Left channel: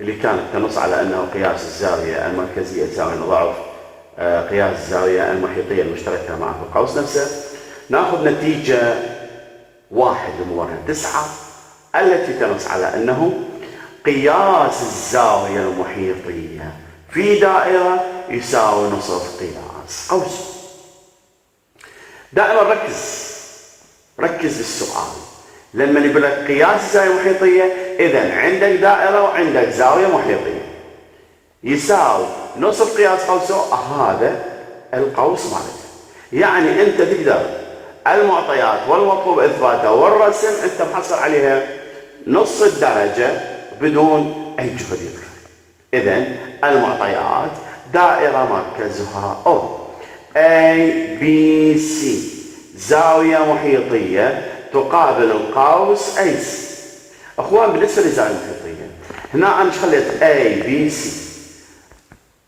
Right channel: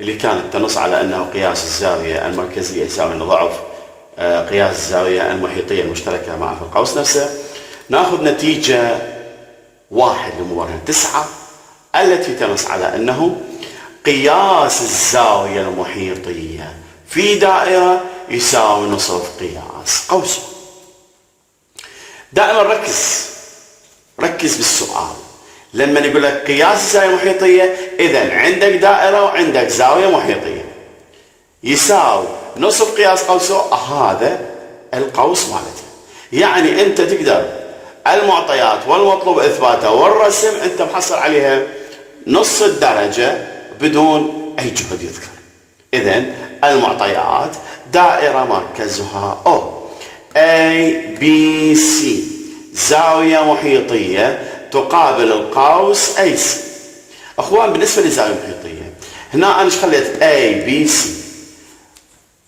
اللي كانت تنص على أنه قياس الزاوية المركزية يساوي ضعف قياس الزاوية المحيطية المشتركة معه في القوس نفسه، نأخذ نتيجة 1 لمبرهنة 9 التي تنص على أنه قياس الزاوية المحيطية في دائرة يساوي نصف قياس قوسها. دائما ركز بالسؤال، لما يقول لك قياس الزاوية المحيطية، إذا عندك دائرة وعندك زاوية محيطية يساوي نصف قياس قوسه، هذا القوس مالته. يعني أنت تقدر المعطيات والمطلوب إثباتها والرسم أنت محصل عليها نص الدرجة بدون أي جهد يذكر. إذا المعطيات دائرة مركزها O A B C، زاوية محيطية تقابل القوس AC. أخوان بالنسبة للزاوية المحيطية هنا أنا ايش خليت A B C،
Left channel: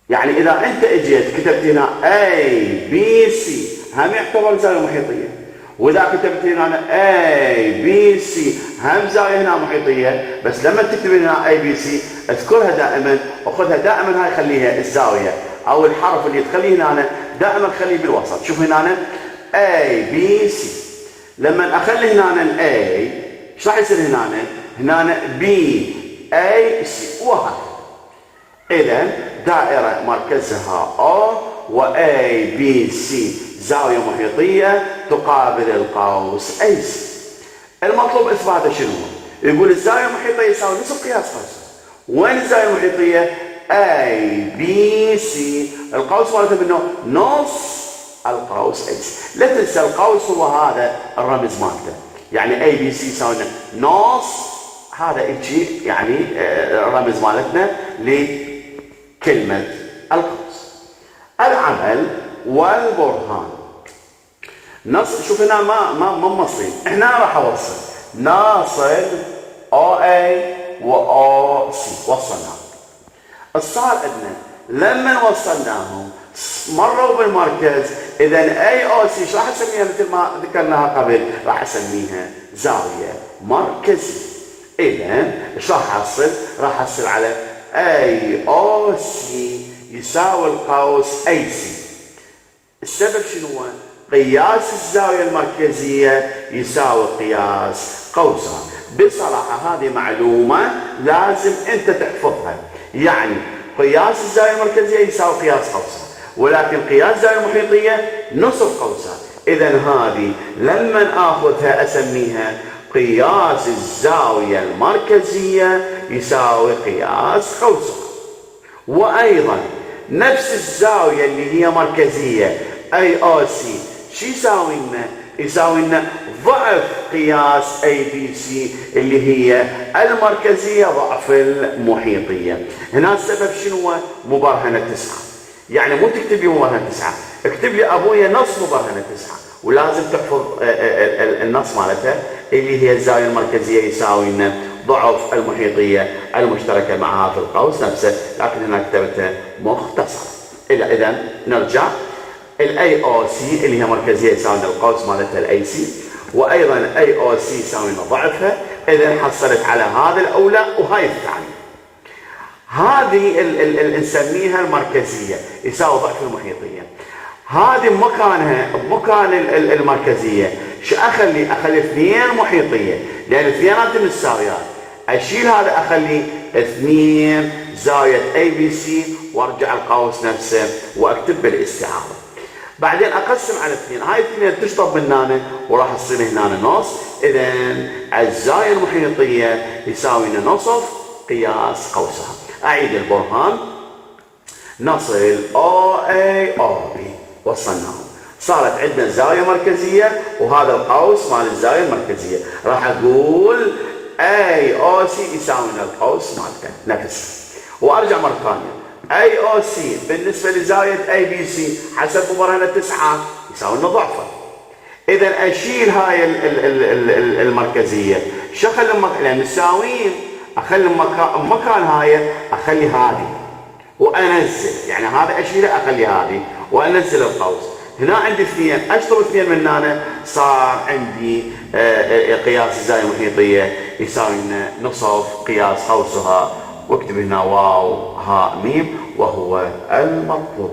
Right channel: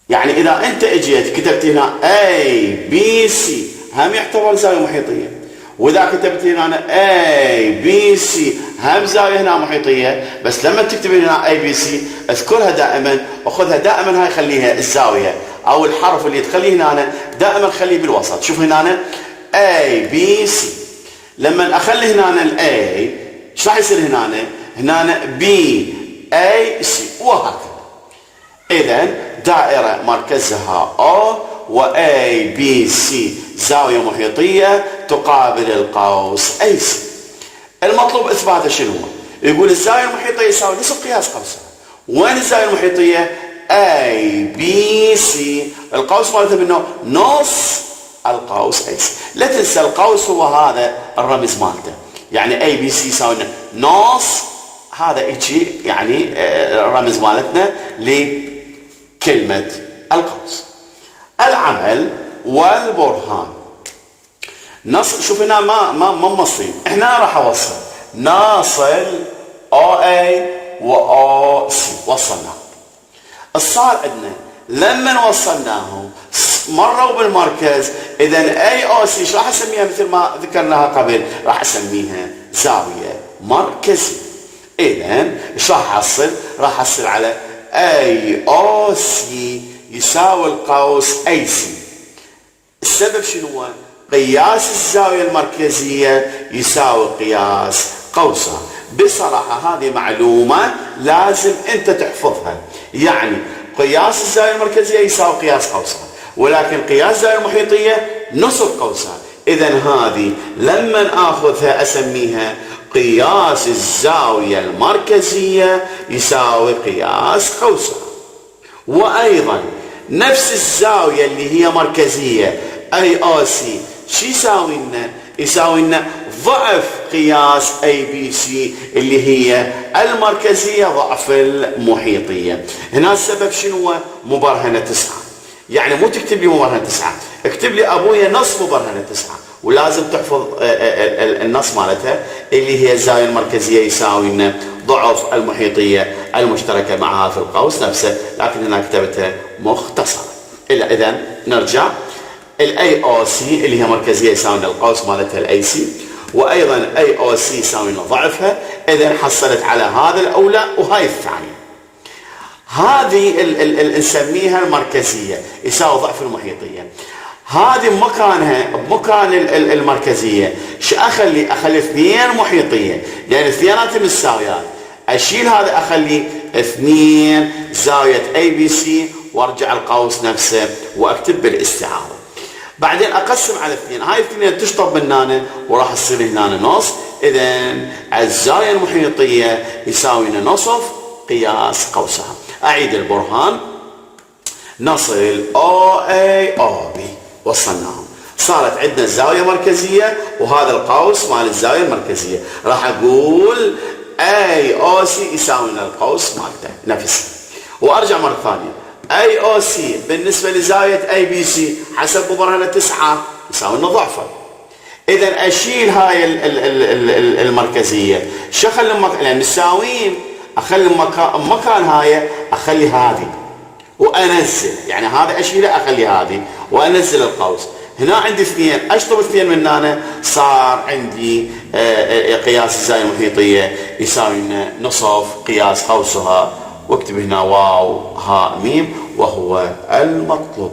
يعني إذا أنت اجيت كتبت هنا A B C هم يعتبر زاوية محيطية، وإذا كتبت هنا A B C هم زاوية هنا محيطية، بس لما تكتب هنا A B C اذكرها دائما، أخذها دائما، هاي خليها الزاوية أو الحرف اللي تخليه هنا دائما خليه بالوسط. شوف هنا A B C، لما أخلي هنا ال A ايش راح يصير هنا B A C وهكذا. إذا دائرة مركزها O و A B C زاوية محيطية تقابل القوس AC. المطلوب إثباته شنو؟ يقول الزاوية المحيطية يساوي نصف قياس قوسها. وين الزاوية المحيطية؟ A B C، القوس مالته منه نص القوس AC. لا تنسى القوس هو هذا الرمز مالته، يعني A B C يساوي نص، هذا هيجي يعني الرمز مالتنا لكلمة القوس. العمل والبرهان. شوف هنا ما موصلين، احنا راح اوصل ناصل OA و OC وصلناهم. صار عندنا لما وصلناهم مروا بالمركز، اذا AOC ايش راح اسميها مثل ما ذكرناها قبل؟ راح اسميها زاوية مركزية. اذا ايش راح احصل؟ راح احصل على AOC يساوي القوس AC. السبب شنو هو؟ قياس الزاوية المركزية يساوي قياس قوسها. بصراحة هذه معلومة لازم انت تحفظها، يعني قياس الزاوية المركزية يساوي قياس قوسها، ولكن قياس الزاوية المحيطية نصف قوسها. إذا هذه لما آخذها أسميها قياس الزاوية المركزية يساوي قياس قوسها. وأيضا نفس الزاوية اللي هي مركزية AOC شو يساوي لنا؟ يساوي لنا ضعف قياس ABC اللي هي المركزية ضعف المحيطية. هنا السبب شنو هو؟ مبرهنة 9. يعني مو تكتب لي مبرهنة 9، اكتب لي أبويا نص مبرهنة 9، ولازم تحفظ النص مالتها اللي هي الزاوية المركزية يساوي لنا ضعف المحيطية المشتركة معها في القوس نفسه، لكن هنا كتبتها مختصر. إذا نرجع، ال AOC اللي هي مركزية يساوي لنا القوس مالتها ال AC، وأيضا AOC يساوي لنا ضعفها. إذا حصلت على هذا الأولى وهاي الثانية. هذه نسميها المركزية يساوي ضعف المحيطية. هذه بمكانها بمكان المركزية شو أخلي؟ أخلي 2 محيطية، لأن اثنينات متساويات. أشيل هذا أخلي 2 زاوية ABC وارجع القوس نفسه واكتب بالاستعارة. بعدين اقسم على 2، هاي 2 تشطب من هنا وراح تصير هنا نص. اذا الزاوية المحيطية يساوي لنا نصف قياس قوسها. اعيد البرهان، نصل OA OB وصلناهم، صارت عندنا الزاوية مركزية وهذا القوس مال الزاوية المركزية. راح اقول AOC يساوي لنا القوس مالته نفسه. وارجع مرة ثانية، AOC بالنسبة لزاوية ABC حسب مبرهنة 9 يساوي لنا ضعفه. إذا أشيل هاي المركزية، شو أخلي لأن مساويين، أخلي مكان هاي أخلي هذه وأنزل، يعني هذا أشيله أخلي هذه وأنزل القوس. هنا عندي 2، أشطب 2 من هنا، صار عندي قياس الزاوية المحيطية يساوي لنا نصف قياس قوسها واكتب هنا واو هاء ميم وهو المطلوب.